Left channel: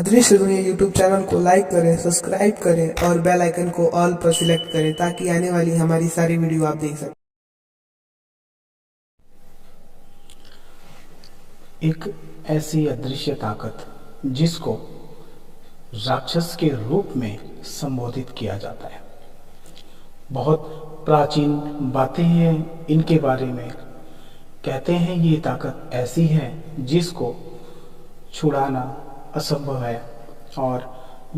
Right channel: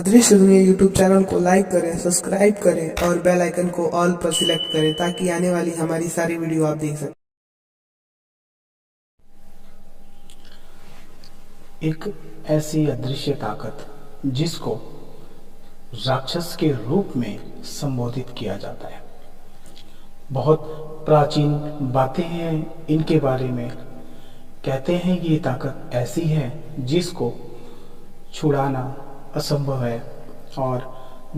अदृश्य दुनिया YouTube channel को लाइक करें, सब्सक्राइब करें और बेल आइकन को ऑल पर सिलेक्ट करें ताकि आने वाली हमारी सारी वीडियो आप देख सकें। एक ऐसी अदृश्य ताकत जिसको राक्षस के रूप में संबोधित किया जाता है। बहुत प्राचीन बातें हैं इनके बारे में। कहते हैं ये ताकत ऐसी है जिसको छुड़ाना असंभव है और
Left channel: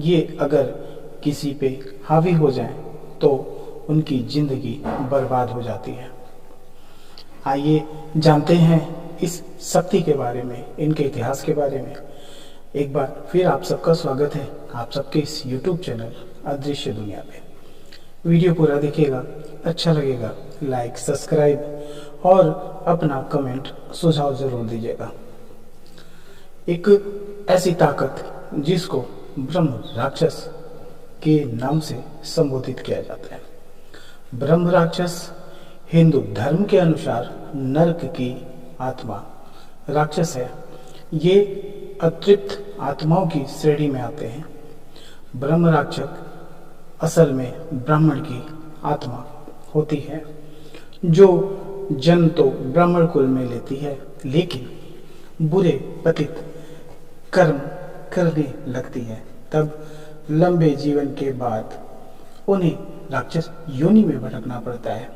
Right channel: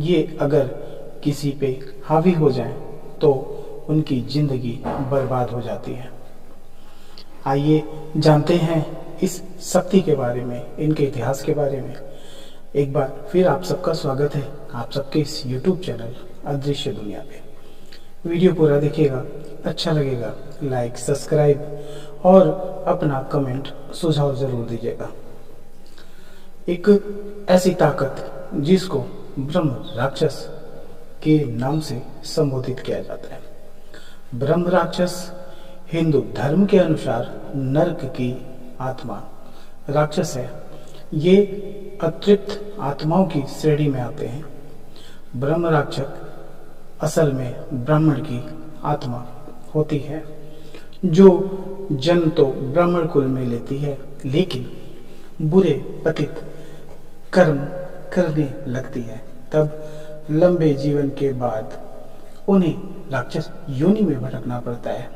ये अगर किसी पे हावी हो जाए तो उनकी जिंदगी बर्बाद हो जाती है। आइए जानते हैं इस शक्ति के बारे में, इनके इतिहास के बारे में। एक बार फिर आप सबका स्वागत है आप सबके इस YouTube चैनल अदृश्य दुनिया पे। वीडियो पूरा देखिएगा, अच्छा लगेगा लाइक, सब्सक्राइब और अपना कमेंट सुझाव जरूर दीजिएगा। एक ऐसी ताकत जिसको ब्रह्म राक्षस के नाम से संबोधित किया जाता है। ब्रह्म राक्षस हिंदू धर्म के अनुसार नरक की आत्मा राक्षस है। ये अतृप्त आत्माओं की श्रेणी में आते हैं। ब्रह्म राक्षस असल में ब्राह्मण की आत्मा होती है जो जन्म तो ब्राह्मण कुल में लेती है, लेकिन बुरे पतित कर्म करने लगती है। तब लंबे जीवन के बाद उन्हें राक्षस योनि में भटकना पड़ता है।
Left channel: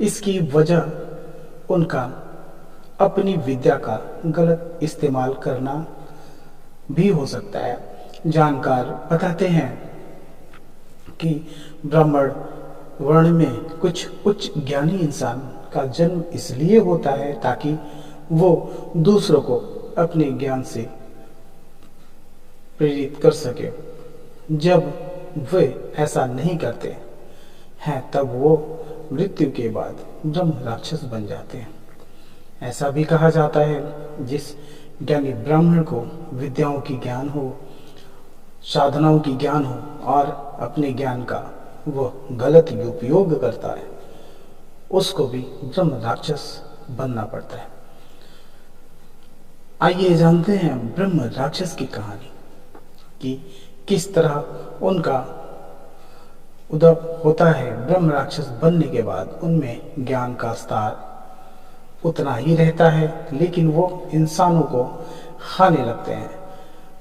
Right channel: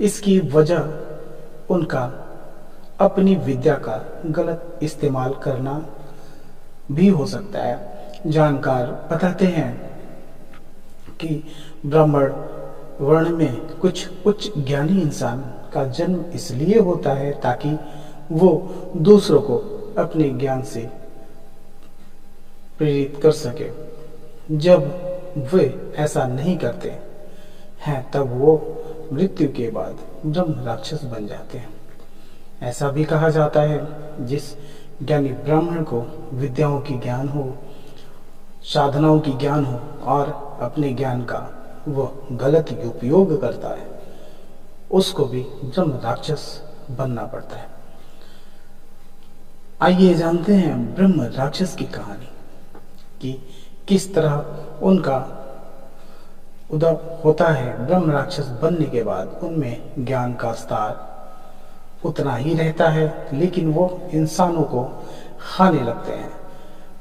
इसकी वजह उनका अपनी विद्या का गलत इस्तेमाल करना भी हो सकता है। जानकार बताते हैं कि ब्राह्मण वर्ण में कुछ उच्च ज्ञानी इंसान का जन्म इसलिए होता है ताकि वो दूसरों को अपने ज्ञान से प्रेरित कर सके। जब वे ऐसा नहीं करते हैं तब वो मृत्यु के बाद ब्रह्म राक्षस बन जाते हैं। ऐसा भी कहा जाता है जिस ज्ञानी ब्राह्मण को विद्याओं की ज्ञान हो, साधनाओं की ज्ञान हो और अपने ज्ञान का वह गलत उपयोग करता है, उसको भी ब्रह्म राक्षस बनना पड़ता है। आइए जानते हैं ब्रह्म राक्षस की कहानी कि किस तरह उनका उदय होता है। ब्रह्म राक्षस बनने के बाद उनमें ज्ञान का स्तर उतना ही रहता है, लेकिन वो इंसानों को खाने लगते हैं।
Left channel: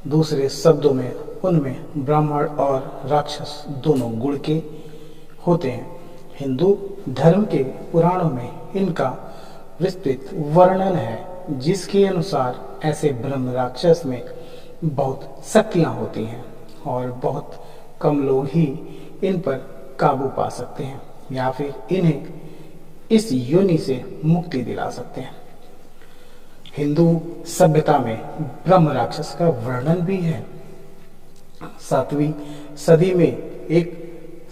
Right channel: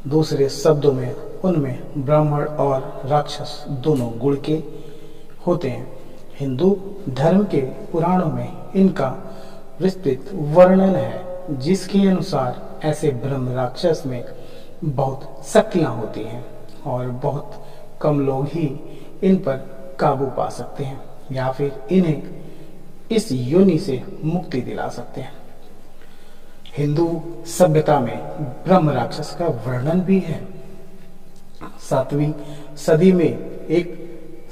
दूसरे शब्दों में उनमें ब्राह्मण और राक्षस दोनों गुण के होते हैं। हिंदू धर्म के पुराणों में इनका विस्तृत वर्णन है, जिसके अनुसार ऐसे ब्रह्म राक्षस में बहुत शक्तियां होती हैं और बहुत कम लोग ही इन पर काबू पा सकते हैं या फिर इन्हें इस योनि से मुक्ति दिला सकते हैं। हिंदू सभ्यता में ब्रह्म राक्षस का वर्णन भी है। 7वीं सदी में एक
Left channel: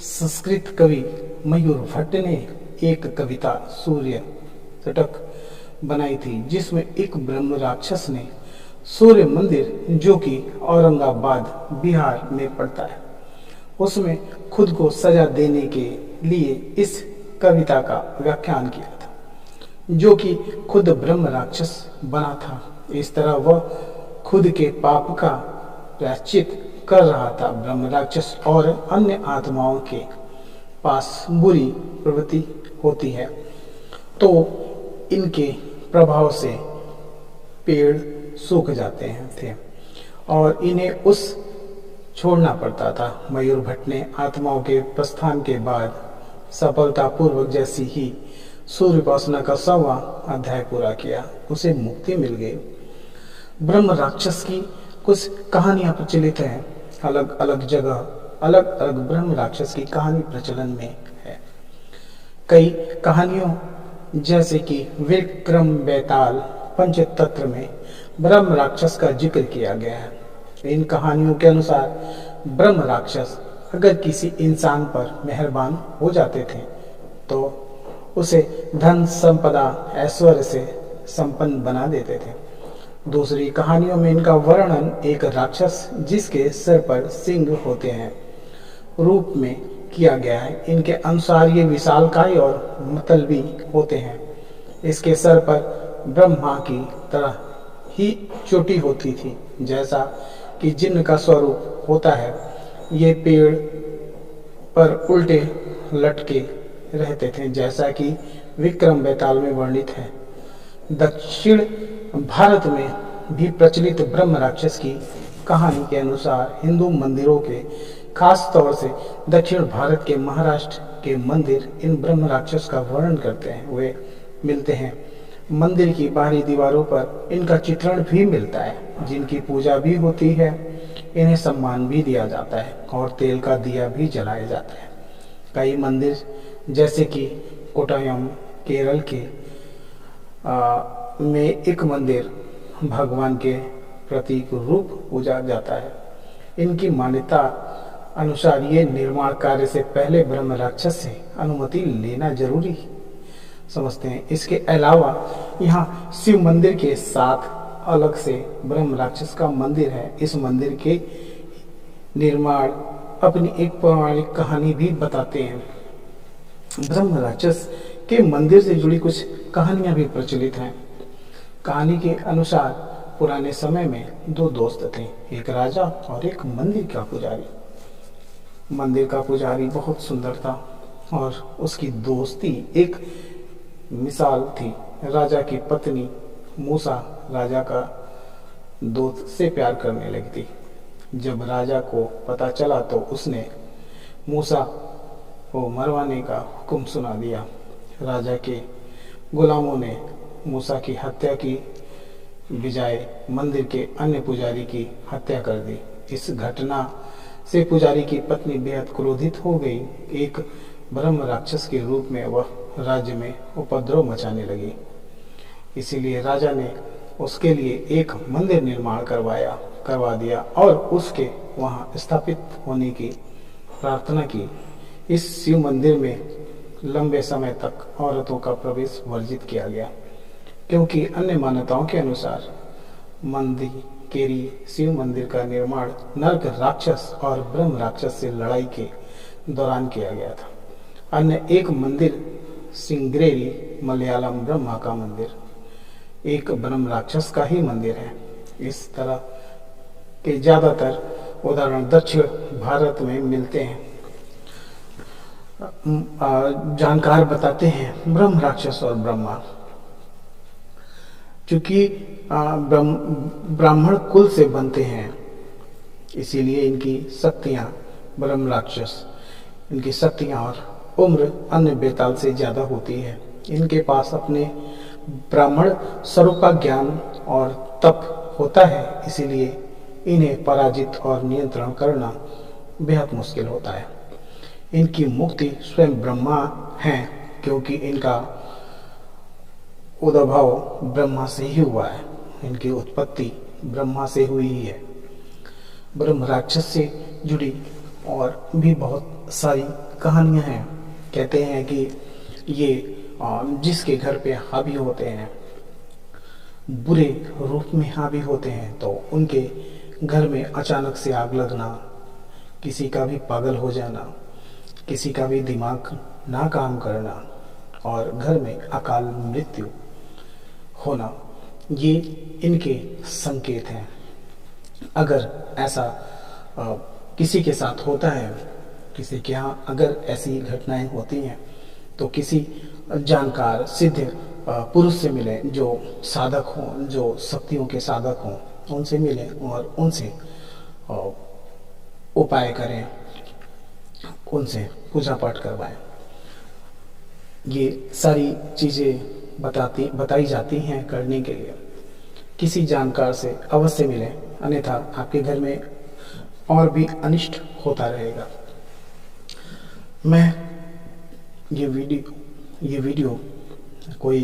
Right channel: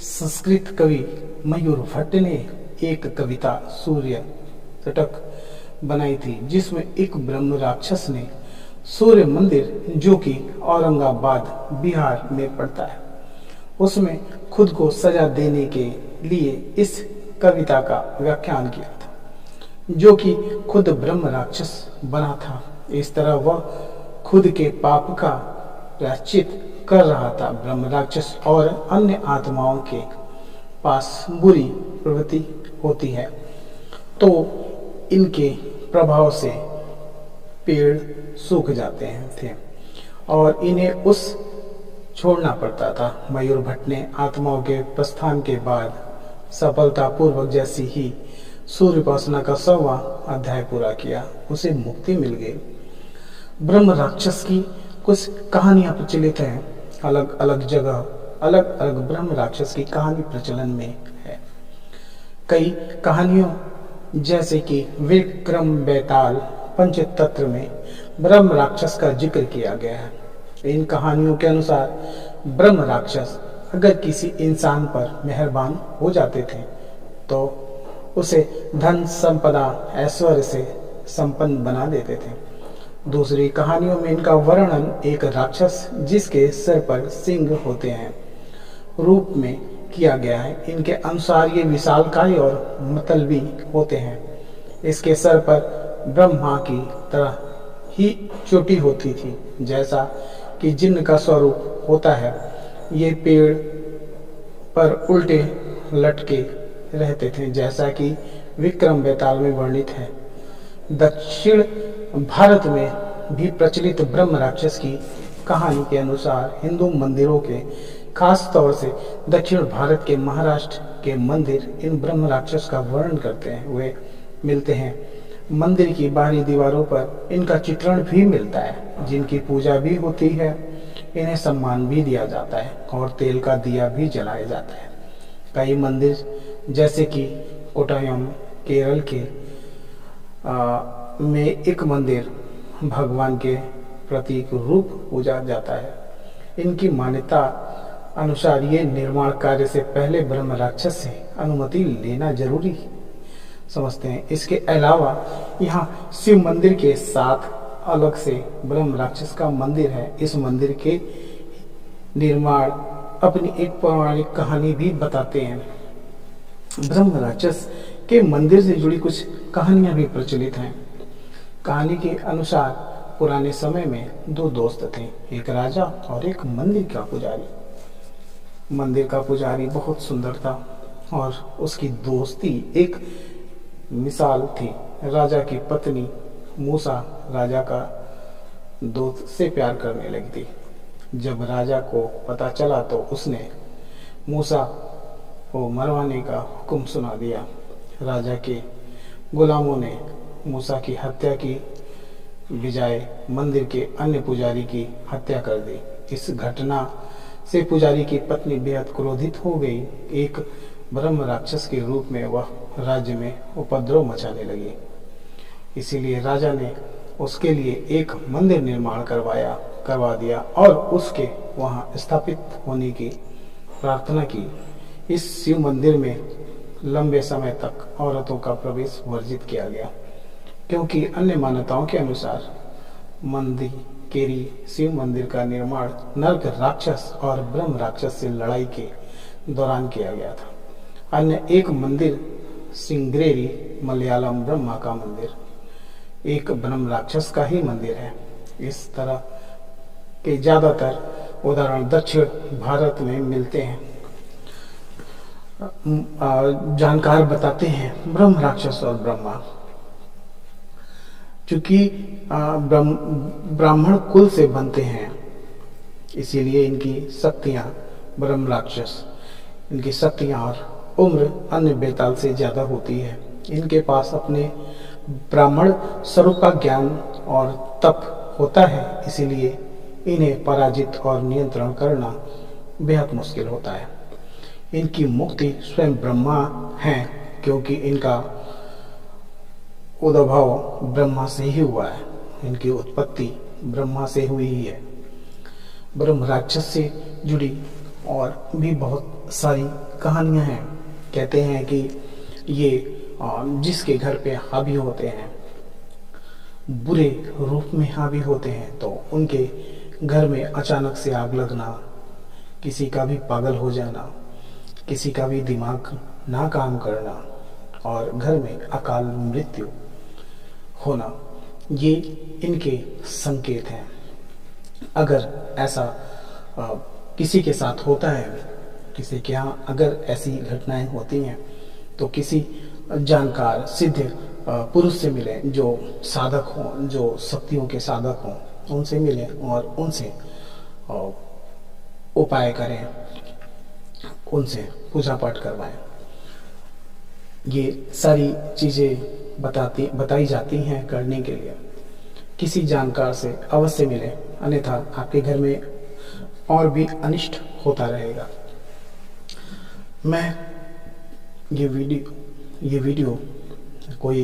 संस्कृत कवि मयूर भट्ट ने एक कविता सूर्य तटक बनाई थी, जिसमें एक ब्रह्म राक्षस ने सूर्य मंदिर जो कि औरंगाबाद बिहार में पड़ता है, उसमें खुद को सजा देने के लिए इस कविता का व्याख्यान किया था, जो कि खुद ब्रह्म राक्षस बना था। इस तरह वह खुद के पाप का प्रायश्चित कर रहा था। ब्रह्म राक्षस और अन्य आत्माओं के पास बुरी प्रवृत्ति होती है तो इनके प्रभाव से पेड़ सूख जाते थे और इन्हें उस छोड़ना पड़ता था। मयूर भट्ट ने आत्माओं के प्रस्थान के बाद सफलतापूर्वक जैसी ही सूर्य उपासना का 100वां अध्याय पूरा किया, उसे मुक्ति मिल गई। ब्रह्म राक्षस की कुछ कहानियां प्रचलित हैं। अलग अलग जगह अलग अलग ब्रह्म राक्षस की कहानी प्रचलन में है। कई कहानियों जैसे कि विक्रम बेताल पंचतंत्र में ब्रह्म राक्षस का जिक्र किया गया है। इन कहानियों के अनुसार ब्रह्म राक्षस अगर किसी इंसान पर मेहरबान हो जाते थे तो उसे धन संपदा ऐश्वर्य से संपन्न बना देते थे। दूसरी कहानियों में इनका वर्णन एक राक्षस जिसके सिर पर सिंह होते हैं रूप में किया गया है। इनके अनुसार ये विशालकाय और मतलबी होते हैं। इसके सर पर ब्रह्मा की तरह ही चोटी होती थी, जैसा कि जिन्न का स्वरूप होता है, ये पेड़ पर उल्टे लटके रहते थे, जैसा कि विक्रम बेताल में वर्णित है। दक्षिण भारत में भी प्रचलित ब्रह्म राक्षस की कहानी के अनुसार हिंदू मंदिरों के, खास तौर से दक्षिण भारत के महाराष्ट्र के मंदिर इन ब्रह्म राक्षस का वर्णन करते हैं, वे मिलते हैं। मंदिर की बाहरी दीवारों पर इनका चित्रण भी मिलता है, जिनकी पूजा भी होती है, इन्हें सम्मान भी दिया जाता है और तेल का दिया भी जलाया जाता है। कई मंदिर जैसे कि कोट्टायम केरल के में एक मंदिर भगवान के प्रतीक रूप पूजा जाता है। इनकी मान्यता अनुसार ये निर्माण कार्य से पहले ब्रह्म राक्षस से अनुमति लेना जरूरी समझते हैं। इसके अलावा यहाँ शिव मंदिर के साथ अलग से ब्रह्म राक्षस का मंदिर है। इस मंदिर के निर्माण अपनी एक पौराणिक कहानी भी बताते हैं। ब्रह्म राक्षस के मंदिर से जुड़ी कुछ कहानियां भी प्रचलित हैं। कहानी के अनुसार पुराने समय में दो दोस्त थे, एक राजा और एक मंदिर का पुजारी। मंदिर का पुजारी बहुत सुंदर था और उसकी दोस्ती एक मिसाल थी। राजा की पत्नी मूसा राजा का दोस्त से प्यार करने लगी थी। जब राजा को पता चला तो उसने मूसा को मरवाने का हुक्म सुना दिया। राजा के गुलामों ने मूसा की हत्या की बजाय मंदिर के अन्य पुजारी की हत्या कर दी। इस घटना से पुजारी की पत्नी बेहद क्रोधित हो गई। एक ब्रह्म राक्षस के रूप में वह राज्य में उपद्रव मचाने लगी। इसीलिए राजा ने उसके लिए एक मंदिर निर्माण करवा दिया और उसके वहां स्थापित होने की प्रार्थना की। इस शिव मंदिर में लंबे समय तक औरतों का प्रवेश वर्जित किया गया, क्योंकि अन्य मान्यताओं के अनुसार मंदिकेरी शिव मंदिर का निर्माण नरक राक्षस और ब्रह्म राक्षस से लड़ाई के दौरान किया गया था। अन्य एक मंदिर सिंगरेरी मलयालम ब्रह्मा का मंदिर एक ब्रह्म राक्षस का ही मंदिर है। इस तरह के ज्यादातर उदाहरण दक्षिण भारत में मिलते हैं। जानकार बताते हैं ब्रह्म राक्षस और ब्रह्मा, चूंकि ब्राह्मण कुल से बनते हैं, इसीलिए इनकी शक्तियां ब्रह्म राक्षस, इनकी शक्तियां और उम्र अन्य बेताल से ज्यादा होती है। इनके पास अपने ब्राह्मण स्वरूप का ज्ञान और तप होता है, इसीलिए इन्हें पराजित और नियंत्रण करना बेहद मुश्किल होता है। इनकी मुक्ति स्वयं ब्रह्मा है, क्योंकि इनका उद्भव ब्रह्मा से ही हुआ है। इनकी उत्पत्ति ब्रह्मा से हुई ही है। ब्रह्म राक्षस से जुड़ी और भी बहुत सारी कहानियां हैं। कहते हैं कि ये जिसके घर पे हावी होते हैं, बुरे रूप में हावी होते हैं, तो उनके घर में अचानक से आग लगना, किसी का भी पागल हो जाना, किसी का भी दिमाग ना काम करना और घर में अकाल मृत्यु होना, ये इनके संकेत हैं। अगर ऐसा किसी के साथ होता है, किसी के यहाँ अगर ऐसी घटनाएं होती हैं, तो किसी जानकार सिद्ध पुरुष से मिलें, जो साधक हों, जो शक्तियों के साधक हों, उनसे मिलें और उनसे उपाय करें, उनसे पूजा पाठ करवाएं। ये सारी चीज़ें बताई जाती हैं करने के लिए। किसी जानकार से अवश्य मिलें, अन्यथा आपके घर में और भी अनिष्ट होता रहेगा। मैं ये वीडियो कोई